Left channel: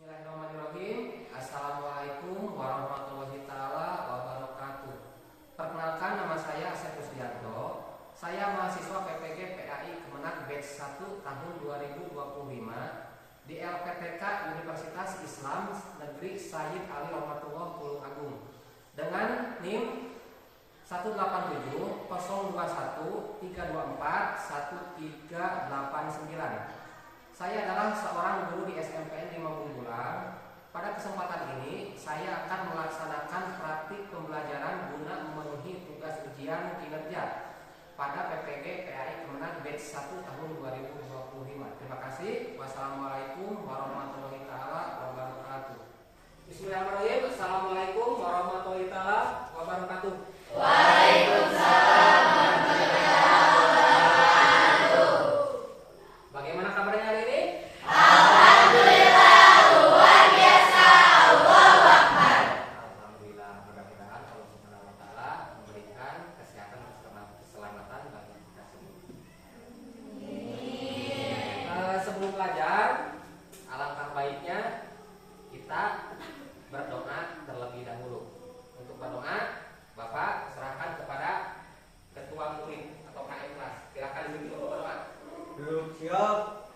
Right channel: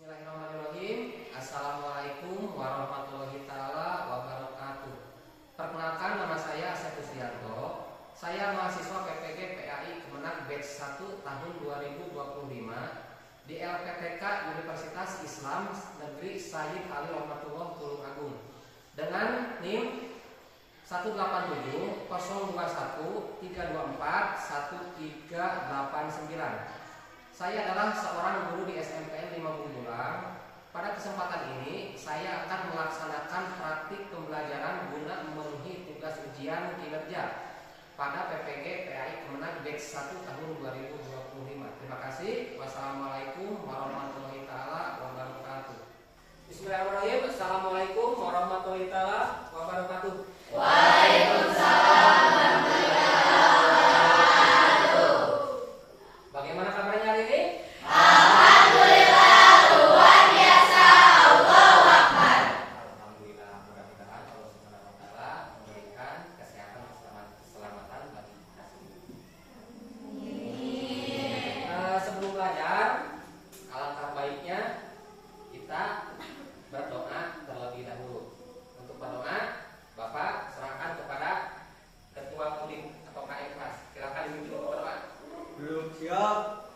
Bismillahirrahmanirrahim. Assalamualaikum warahmatullahi ta'ala wabarakatuh. Perkenalkan, nama saya Asep Usdianto. Saya mahasiswa PPG PAI Kemenag Batch 1 tahun 2025 di LPTK Universitas Islam Negeri Sayyid Ali Rohmatullah Tulung Agung dengan NIM 187 021 324 1389. Saya adalah seorang guru di SMPN 5 Bumbulang. Pada kesempatan ini, saya akan melaksanakan praktik pembelajaran guna memenuhi tugas ujian kinerja pada PPG PAI Kemenag Batch 1 tahun 2025. Terima kasih. Wassalamualaikum warahmatullahi ta'ala wabarakatuh. Bismillahirrahmanirrahim. Assalamualaikum warahmatullahi ta'ala wabarakatuh. Waalaikumsalam. Bagaimana kabarnya hari ini? Alhamdulillah, luar biasa. Allahu Akbar. Alhamdulillah, mudah-mudahan Allah Subhanahu wa taala memberikan kesehatan dan keselamatan bagi kita semua. Sebelum belajar, alangkah baiknya kita berdoa terlebih dahulu. Untuk berdoa, Bapak serahkan kepada Ketua Murid atau KM kelas. Silakan duduk berdoa. Duduk siap.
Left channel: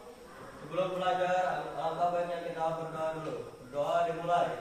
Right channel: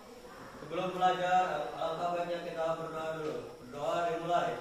Sebelum belajar, alangkah baiknya kita berdoa dulu. Doa dimulai.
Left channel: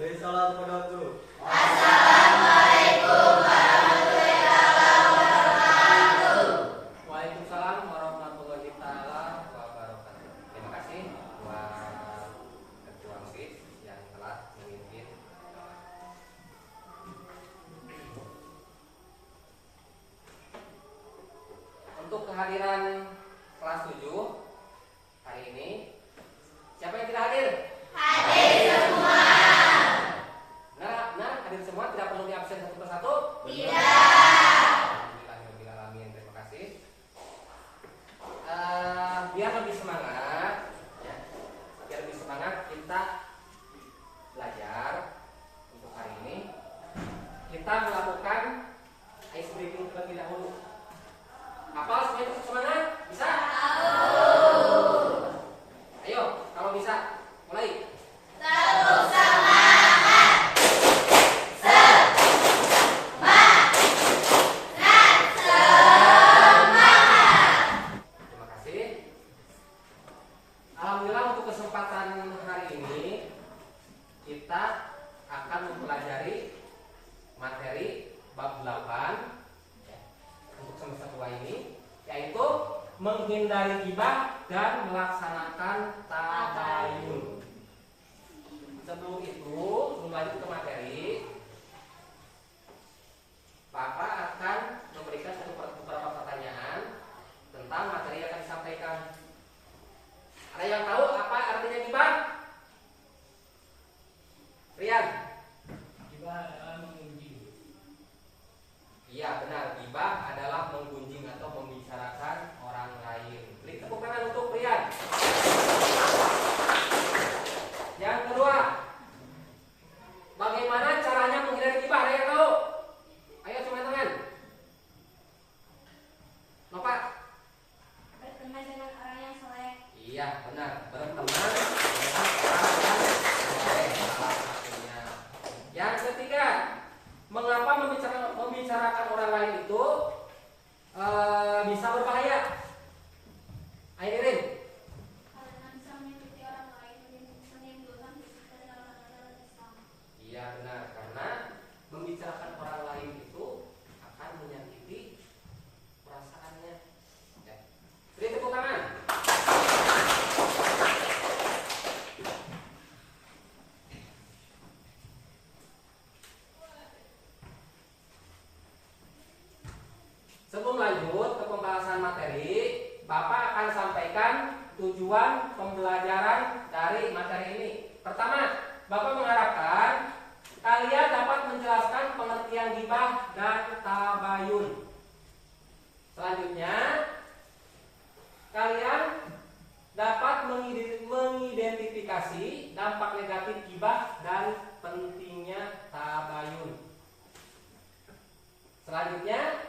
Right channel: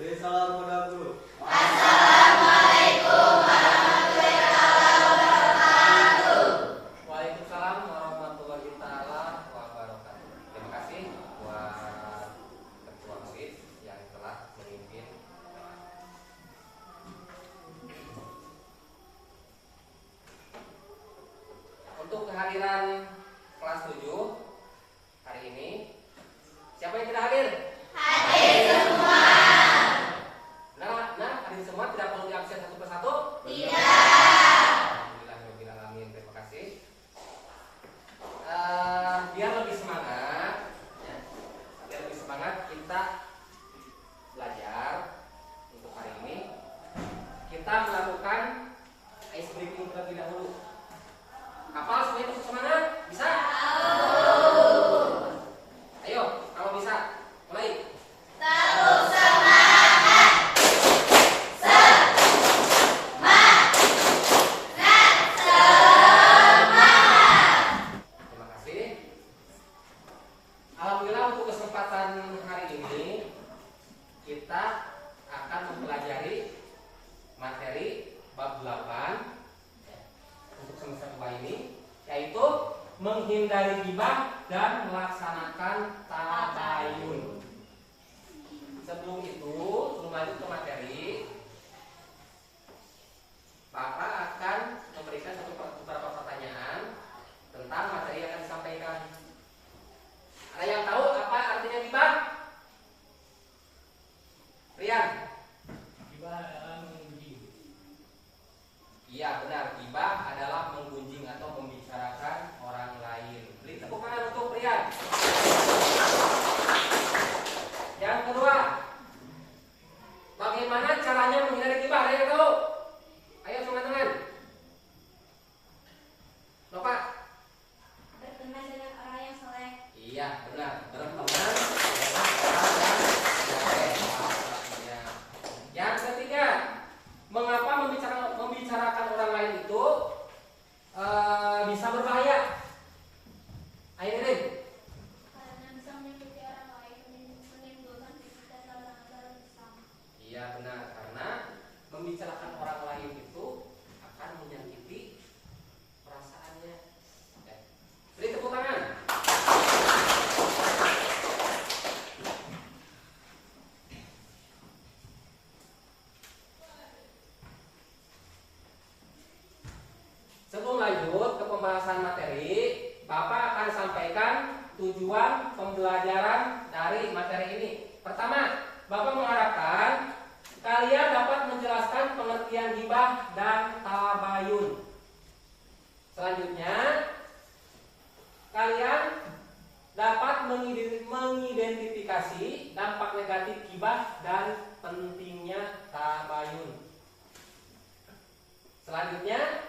Beri salam kepada guru. Waalaikumsalam warahmatullahi ta'ala wabarakatuh. Terima kasih buat Ketua Murid yang telah memimpin. Untuk kehadiran kelas 7 hari ini, siapa yang tidak hadir? Benar, hadir semua, tidak perlu diabsen satu persatu? Alhamdulillahirrahmanirrahim, terima kasih. Biar lebih semangat, ya, kita belajar untuk hari ini. Kita melakukan ice breaking terlebih dahulu. Hafal semuanya untuk semangat? Bisa? Ayo, kalau bisa, mulai. Terima kasih. Alhamdulillah, untuk kesempatan hari ini kita akan mempelajari materi bab 8 ya, untuk semester 2 ini, yaitu menghindari ghibah dan melaksanakan tabayun. Sebelum lanjut ke materi, Bapak akan memberikan beberapa pertanyaan tentang materi yang akan disampaikan. Ada yang tahu apa artinya ghibah? Rian? Ghibah adalah menggunjing. Iya benar, ghibah adalah menggunjing atau membicarakan orang lain. Beri tepuk tangan untuk Rian. Yang kedua, bagaimana caranya menghindari ghibah? Ada yang tahu? Ayo teman-teman. Bapak? Berteman dengan orang yang soleh. Iya benar, berteman dengan orang yang soleh, salah satunya. Yang ketiga, mengapa membicarakan orang lain itu bisa berbahaya? Ayo Irin. Karena bisa menyakiti orang lain dan menimbulkan fitnah dalam ajaran Islam. Iya benar, karena membicarakan orang lain itu akan menyakiti perasaannya. Ya. Beri tepuk tangan. Sebelum lanjut ke pembahasan materi, Bapak akan sampaikan tujuan pembelajaran dari materi ini. Pertama, Bapak mengharapkan kalian dapat menjelaskan pengertian ghibah dan tabayun. Selanjutnya, kalian dapat mengidentifikasi dampak negatif ghibah dan pentingnya tabayun. Selanjutnya,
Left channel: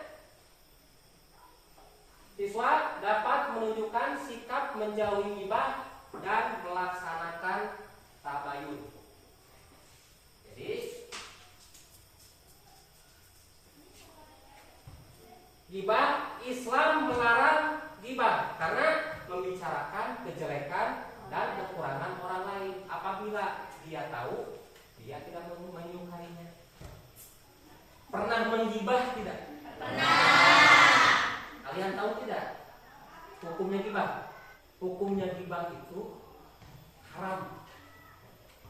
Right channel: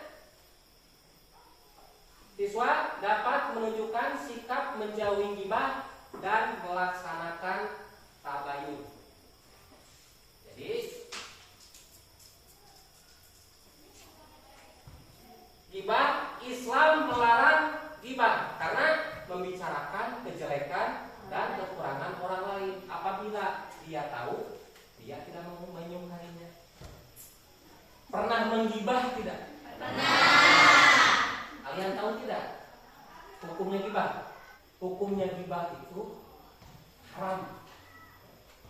siswa dapat menunjukkan sikap menjauhi ghibah dan melaksanakan tabayun. Jadi, ghibah, Islam melarang ghibah karena membicarakan kejelekan dan kekurangan orang lain. Apabila dia tahu, dia tidak menyukainya. Pernah menggibah tidak? Kalian tahu tidak hukumnya ghibah? Hukumnya ghibah itu haram.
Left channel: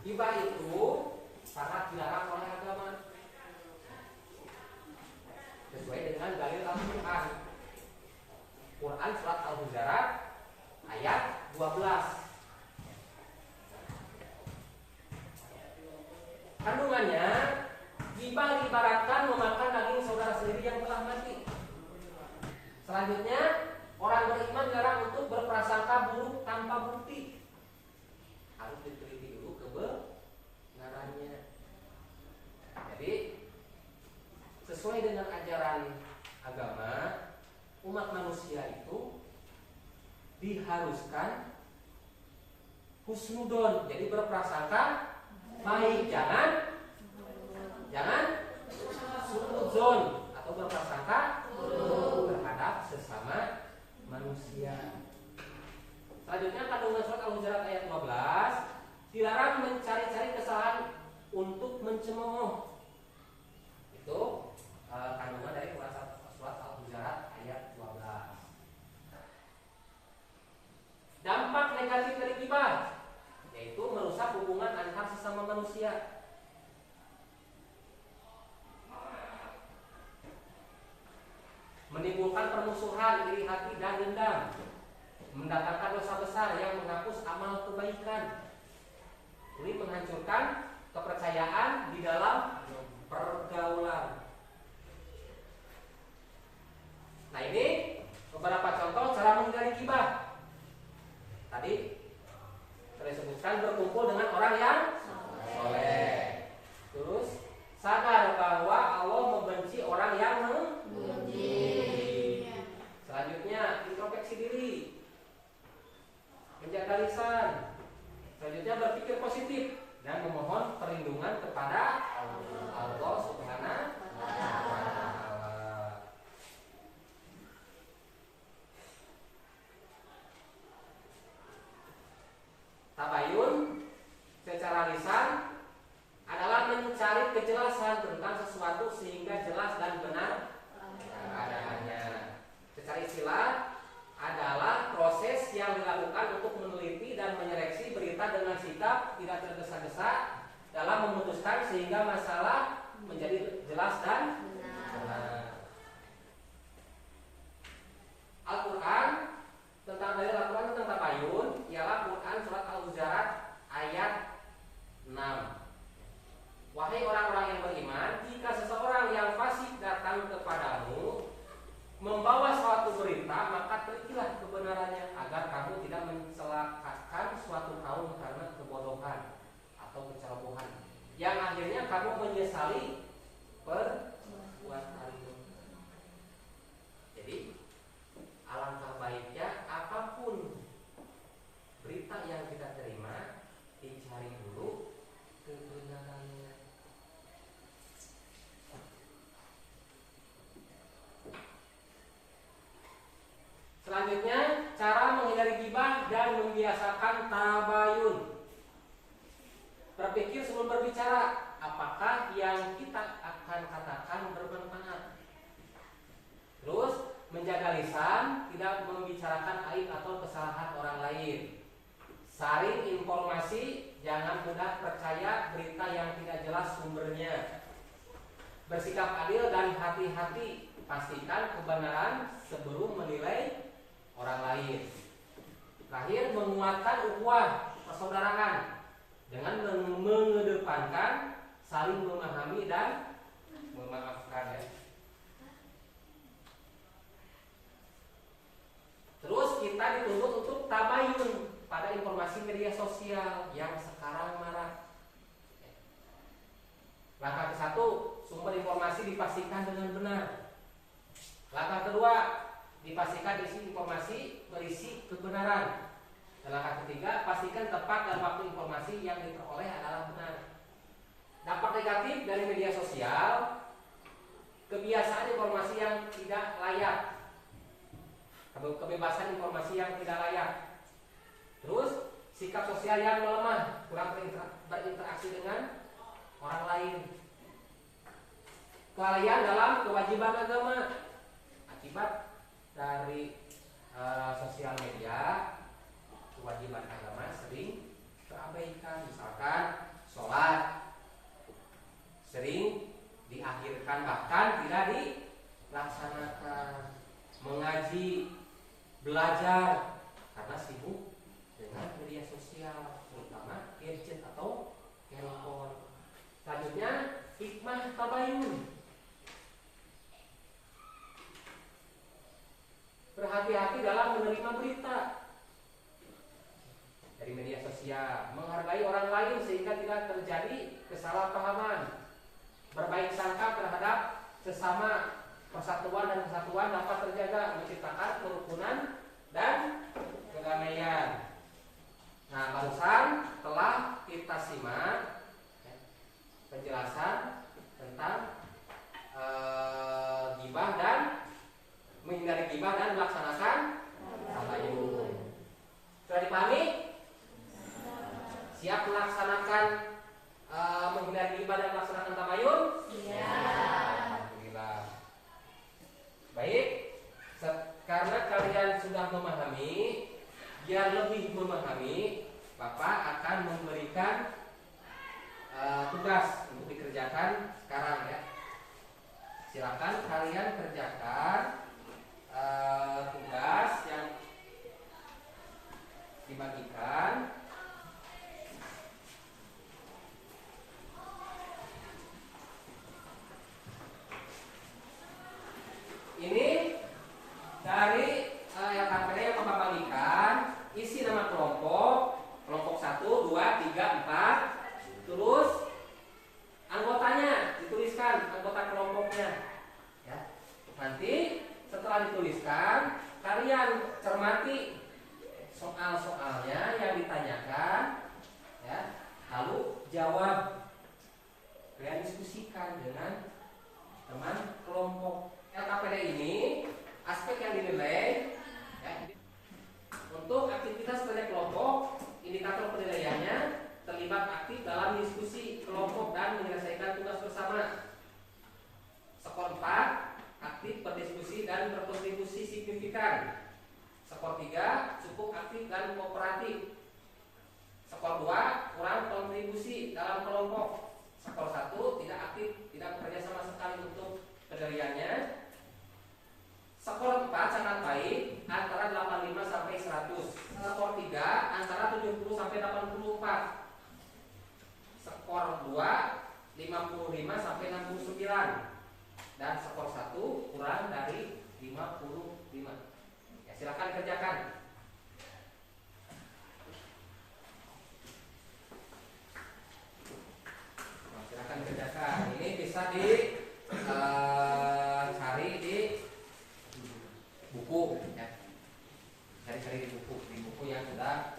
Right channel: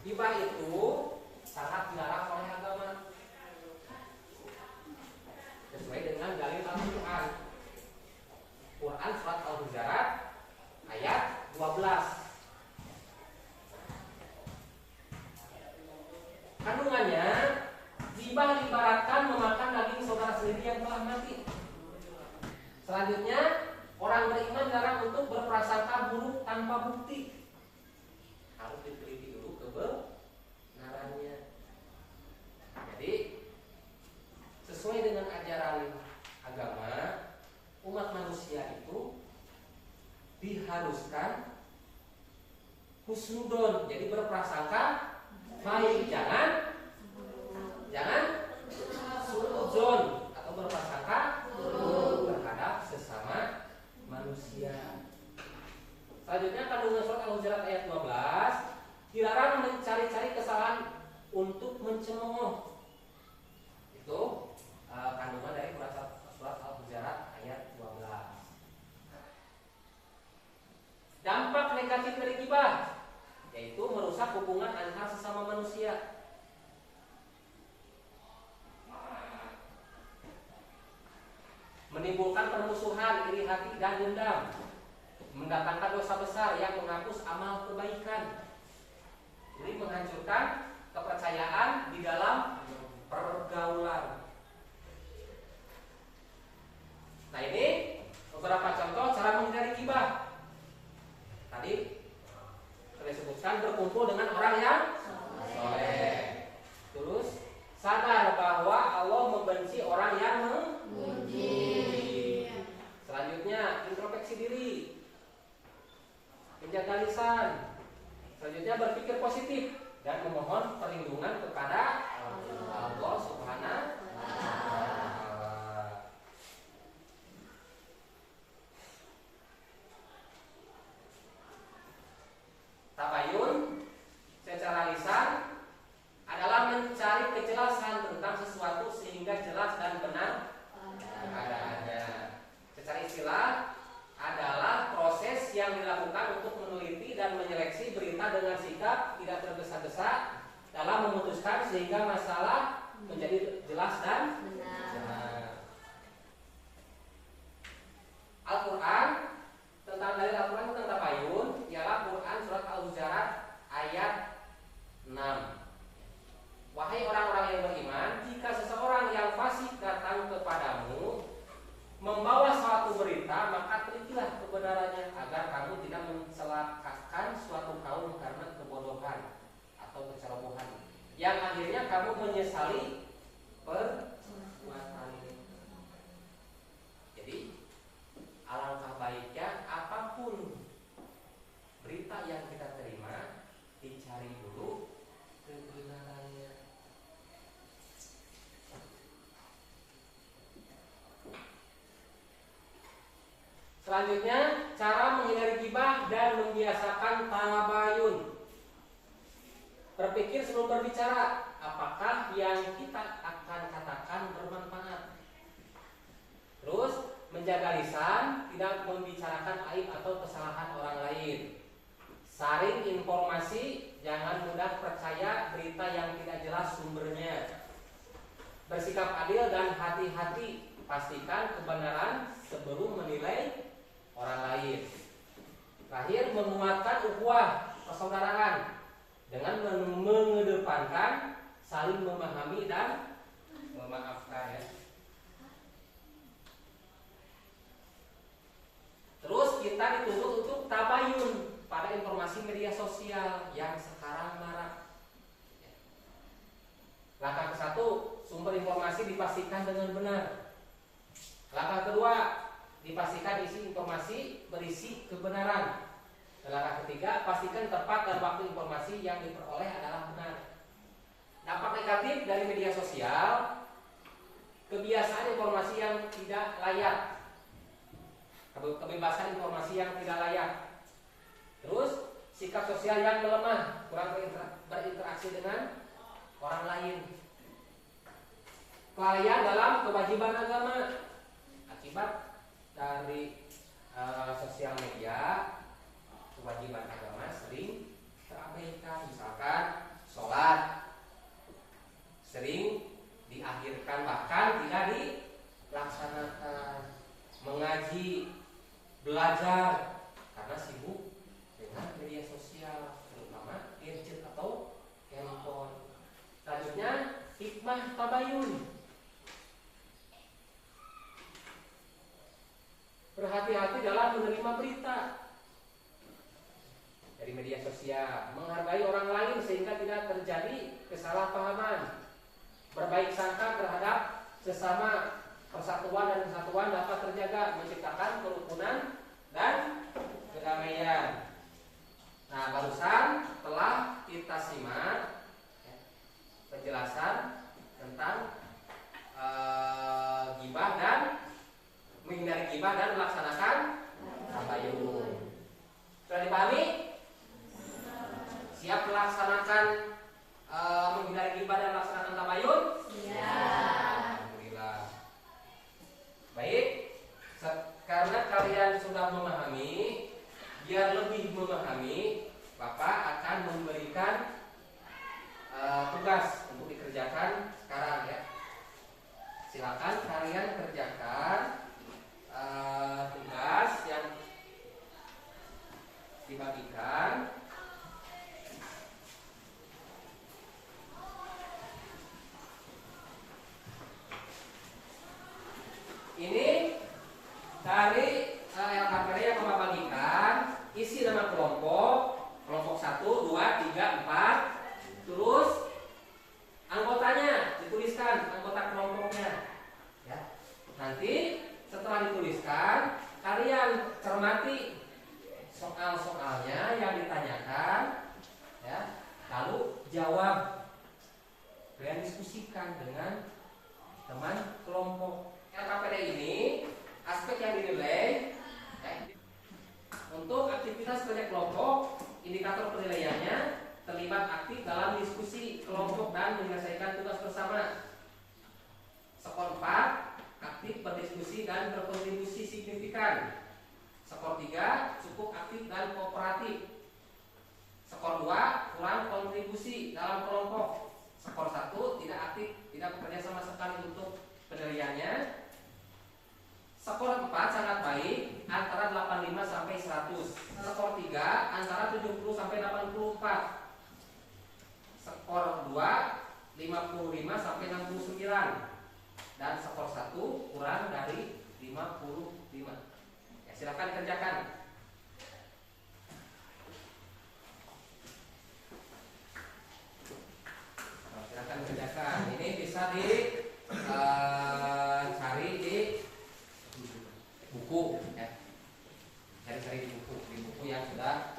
Ghibah itu sangat dilarang oleh agama sesuai dengan dalil Al-Quran. Quran surat Al-Hujurat ayat 12. Kandungannya, ghibah diibaratkan memakan daging saudara sendiri yang telah mati. Selanjutnya, orang beriman dilarang untuk berprasangka buruk tanpa bukti. Harus diteliti dulu kebenarannya. Jadi, sesuai dengan ajaran agama, umat manusia itu diharuskan husnudon, jadi berprasangka baik, jangan suudzon atau berprasangka terhadap sesama manusia. Selanjutnya, kandungan surat Al-Hujurat ayat 15 dilarang mencari-cari kesalahan untuk mencemooh. Itu kandungan dari surat Al-Hujurat ayat 12. Dampak negatif dari ghibah yaitu merusak hubungan antar sesama manusia. Menimbulkan permusuhan, iri hati dan dendam. Mendatangkan dosa besar yang menghapus amal kebaikan. Ini menghancurkan kepercayaan di dalam pergaulan. Nah, ini beberapa contoh cara menghindari ghibah. Tadi saya sebutkan berkumpul dengan orang yang soleh. Terus sadar bahwa Allah membenci orang yang memuji. Selanjutnya introspeksi diri, menjaga lisan. Selanjutnya berpikir positif dan memohon perlindungan kepada Allah Subhanahu wa Ta'ala. Tabayun secara lisan adalah mencari kejelasan tentang sesuatu sehingga jelas dan benar keadaannya. Secara istilah adalah proses yang dilakukan untuk meneliti dan menyeleksi berita dengan sikap tidak tergesa-gesa dalam memutuskan sehingga masalah menjadi jelas dan benar. Al-Quran tentang dalil Al-Quran tentang tabayun ialah Quran surat Al-Hujurat ayat 6. Wahai orang-orang yang beriman, jika seseorang yang fasik datang kepadamu membawa suatu berita, maka terikilah kebenarannya agar kamu tidak mencelakakan suatu kaum karena kebodohan atau kecerobohan yang akhirnya kamu menyesali perbuatanmu. Jadi alangkah baiknya apapun berita yang kita terima, dicari dulu kebenarannya. Selanjutnya, cara menghindari ghibah dan membiasakan tabayun. Berpikir sebelum berbicara, apakah yang kita akan katakan bermanfaat. Terus, menjaga lisan, tidak membicarakan aib atau kesalahan orang lain. Saring informasi, jangan mudah percaya berita yang tidak jelas sumbernya. Bersikap adil dan hati-hati, pastikan kebenaran sebelum menilai orang lain. Terakhir, menguatkan ukhuwah persaudaraan dengan mengedepankan saling memahami dan memaafkan ya. Terus kita dituntut untuk tabayun pada informasi media sosial yang sekarang marak. Langkah ke-1, sumber informasi dipastikan dengan benar. Langkah kedua, dipastikan isi informasi berisi kebenaran. Dan langkah ketiga, pastikan tepat dan waktu informasi yang diperoleh adalah benar. Dampak negatif dari media sosial, kebiasaan informasi yang tidak layak, kebebasan informasi yang tidak layak. Terus, sikap sosial yang melemah, kurang berinteraksi dengan orang lain. Kelalaian dalam kewajiban agama akibat dari sosial media, kewajiban agama sering terabaikan. Misalkan sholat sering diakhirkan, bahkan tidak dilaksanakan. Mengaji, belajar karena sibuk dengan media sosial, terutama gadget atau handphone. Selanjutnya, hikmah tabayun. Berhati-hati dalam menerima berita dari media sosial, menghargai orang lain sehingga tidak terjadi kesalahpahaman, berbaik sangka terhadap sesama, persatuan dan kesatuan dapat terjaga, menciptakan kerukunan dan kedamaian. Nah, barusan telah kita simak ya, penjelasan tentang ghibah dan menghindari ghibah dan melaksanakan tabayun. Sudah dipahami? Siap melaksanakan menghindari ghibah dan melaksanakan tabayun? Alhamdulillah. Baik, karena kalian sudah memahami, biar lebih memahami, Bapak akan memberikan tugas untuk dikerjakan sekarang ya. Silakan kalian kerjakan tugas yang dibagikan. Ini dari LKPD yang Bapak bagikan, isi nama kelompok 1, 2, 3, 4. Terus anggotanya dituliskan, anggota kelompoknya ya. Nanti setelah dituliskan, kalian cermati soal-soalnya yang ditanyakan ya, lalu jawab. Kalian diskusikan dengan teman kelompok. LKPD ini aspek yang dinilai ya, untuk aktivitas kerja kelompok, indikator penilaiannya terlibat aktif dalam diskusi kelompok dan menyelesaikan tugas bersama. Skor 4, aktif berdiskusi dan berkontribusi signifikan. Skor 3, cukup aktif dan kooperatif. Skor 2, kurang kontribusi dalam kelompok. Skor 1, tidak aktif, tidak bekerja sama sekali untuk penilaiannya. Skor 4 sangat baik, antara 85 sampai 100. Skor 3 antara 70 sampai 84. Skor 2 55 sampai 69. Dan skor 1 kurang dari 55. Ya, silakan kerjakan. Nah, silakan kerjakan. Ini bisa cari di buku ya. Cari di buku yang sudah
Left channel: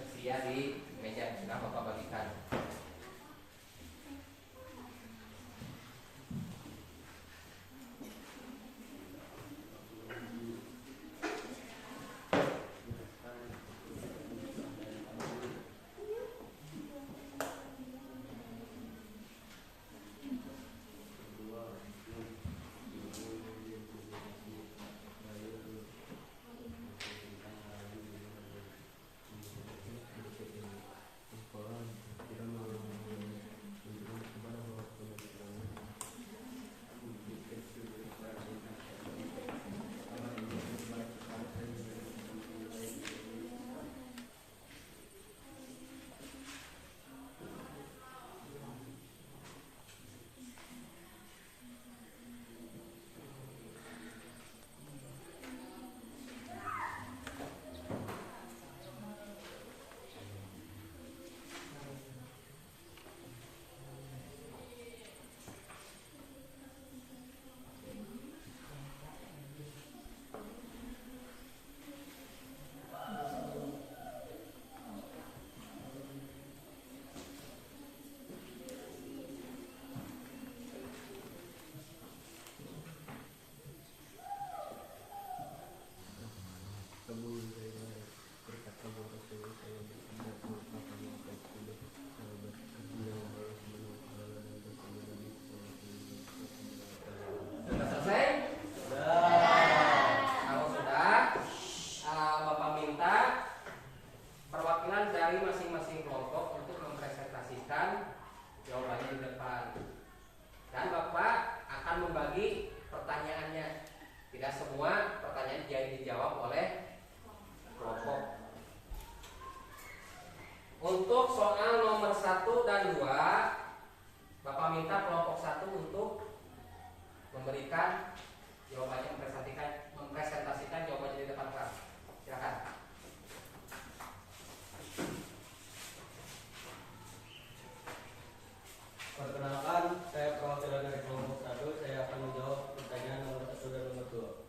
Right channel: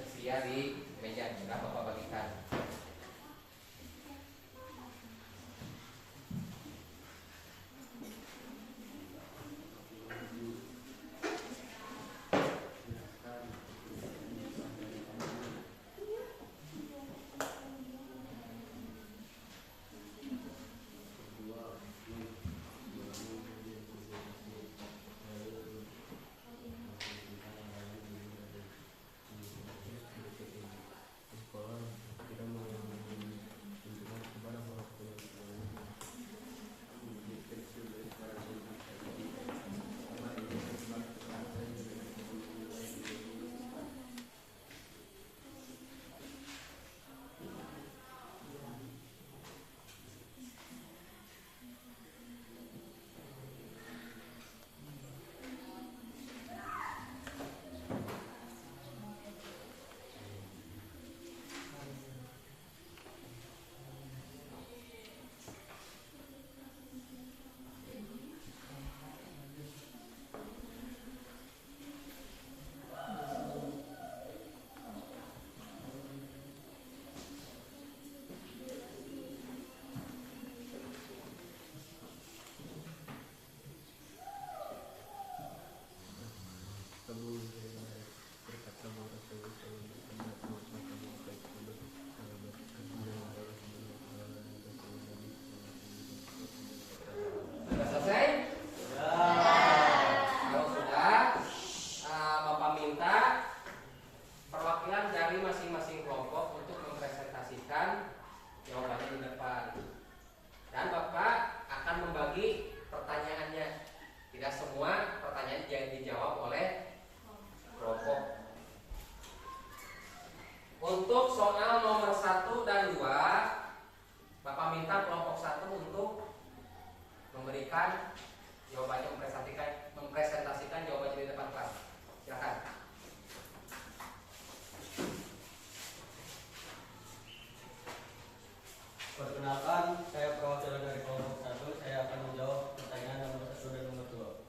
tersedia di meja, sudah Bapak bagikan. menyampaikan jawabannya, mempresentasikan jawabannya di depan kelas. Silakan. Perkenalkan, saya perwakilan dari kelompok 1. Saya akan menjawab pertanyaan nomor 1 dan nomor 2.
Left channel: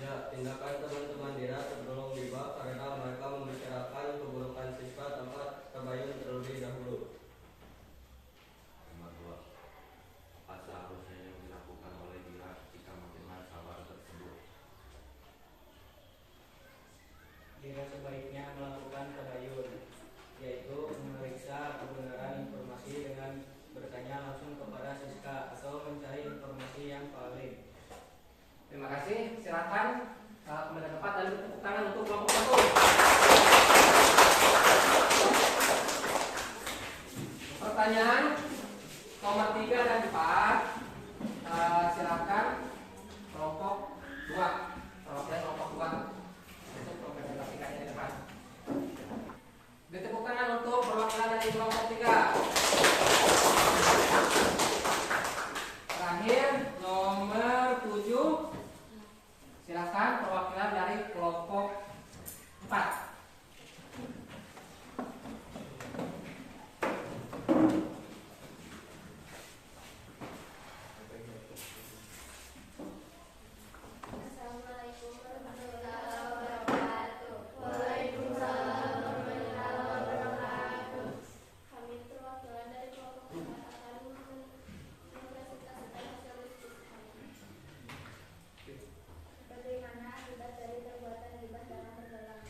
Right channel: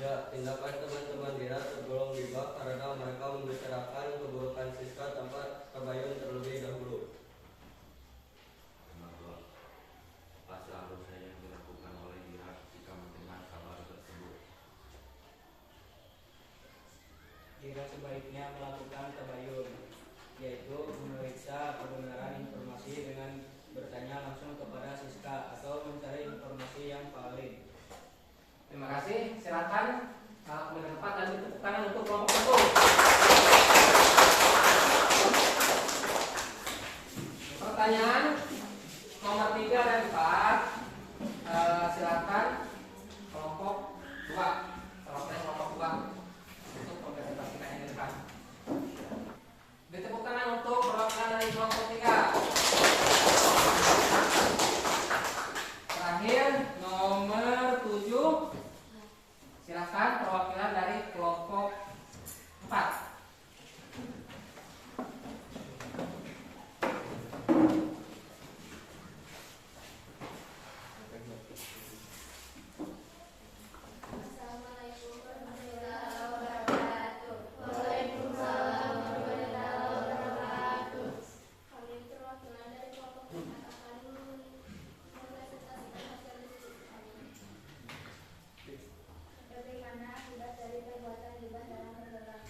Ya, tindakan teman-teman Dira tergolong gibah karena mereka membicarakan keburukan Siska tanpa tabayun terlebih dahulu. Nomor 2. Apa seharusnya yang dilakukan oleh Dira jika mendengar kabar tersebut? Dira sebaiknya melakukan tabayun, yaitu memeriksa kebenaran informasi dengan bertanya langsung kepada Siska atau mencari informasi yang valid. Terima kasih. Silakan kembali ke tempat dan tepuk tangan untuk kelompok 1. Pertanyaan nomor 3 dan 4. Silakan kelompok 2. Perwakilan kelompok 2 untuk mempresentasikannya di depan. Tepuk tangan untuk perwakilan dari kelompok 3. Terakhir nomor 7. Silakan perwakilan dari kelompok 4. Assalamualaikum warahmatullahi wabarakatuh. Waalaikumsalam warahmatullahi wabarakatuh. Kami perwakilan dari kelompok 4 akan mempresentasikan hasil diskusi kami. Bagaimana akibat dari perbuatan gibah dalam berdagang?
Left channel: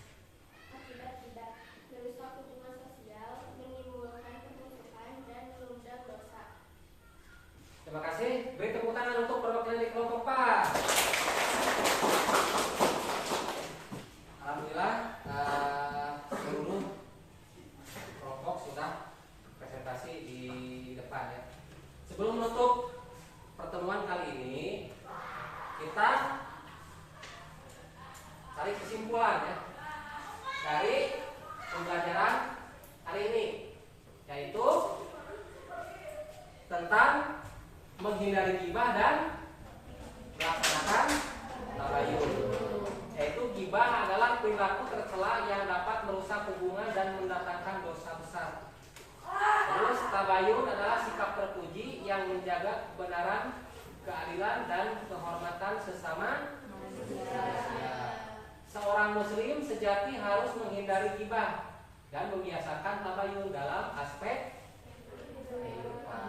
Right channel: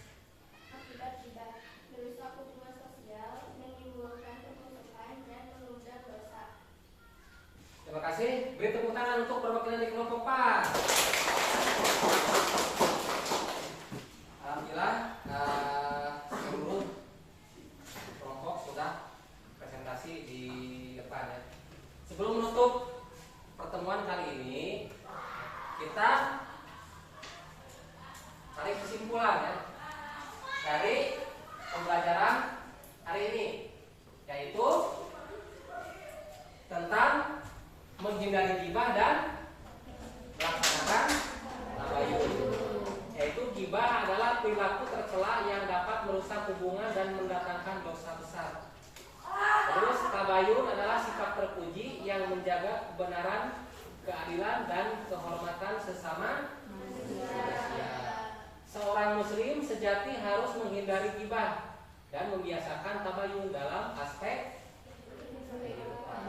Akibat gibah merusak hubungan sosial, menimbulkan kemusuhan dan mengundang dosa. Terima kasih. Beri tepuk tangan untuk perwakilan di kelompok 4. Alhamdulillah, seluruh kelompok sudah presentasi di depan ya. Sebelum menutup pertemuan kali ini, kita tarik kesimpulan ya dari pembelajaran hari ini, yaitu tentang menghindari gibah dan melaksanakan tabayun. Yaitu gibah adalah perilaku tercela yang dapat merusak hubungan dan mendatangkan dosa besar. Terus tabayun adalah sikap terpuji yang menjaga kebenaran, keadilan dan kehormatan sesama manusia. Seorang muslim sejati harus menghindari gibah dan membiasakan tabayun dalam aspek kehidupan.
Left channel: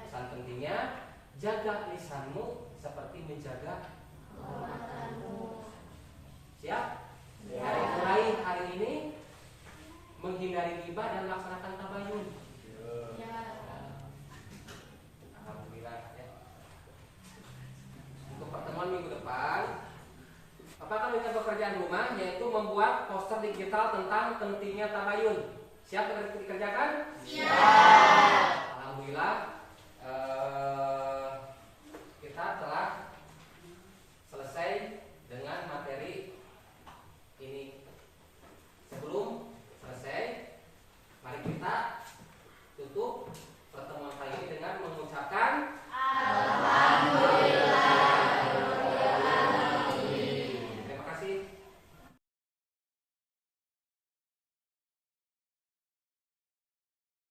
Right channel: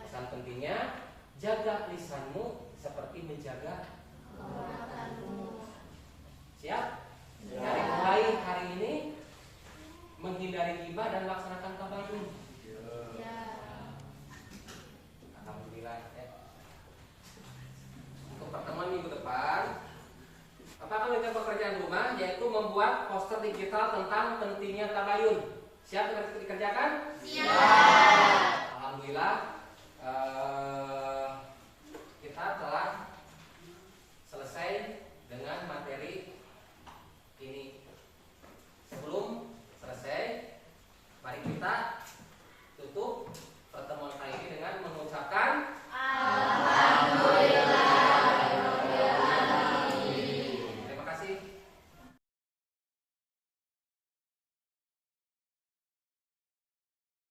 Pesan pentingnya, jaga lisanmu seperti menjaga kehormatanmu. Siap? Dari mulai hari ini menghindari gibah dan melaksanakan tabayun. Alhamdulillah ya. Untuk pertemuan minggu depan, apakah punya pekerjaan rumah, yaitu membuat poster digital tentang pentingnya tabayun. Siap dikerjakan? Siap.